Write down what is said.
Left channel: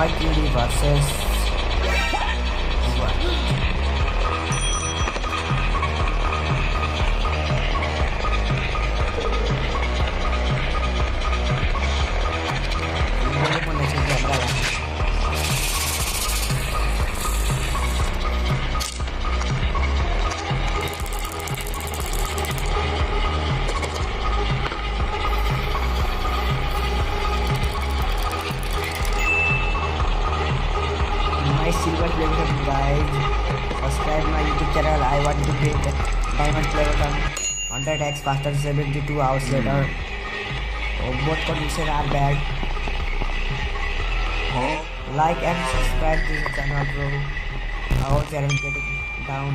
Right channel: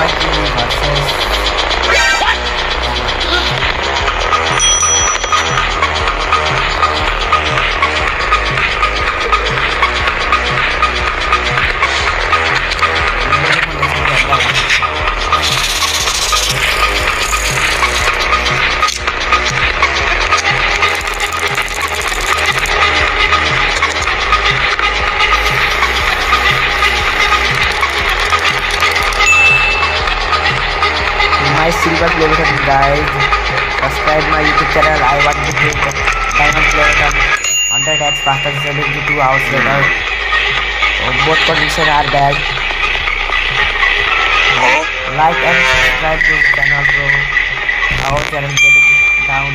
Mercury versus my silver play button, guys. Subscribe my YouTube channel. I want to get the diamond play button. 100x faster 72 hours later. Both conditions are bad. Like and subscribe to the channel, bro. Our channel get down.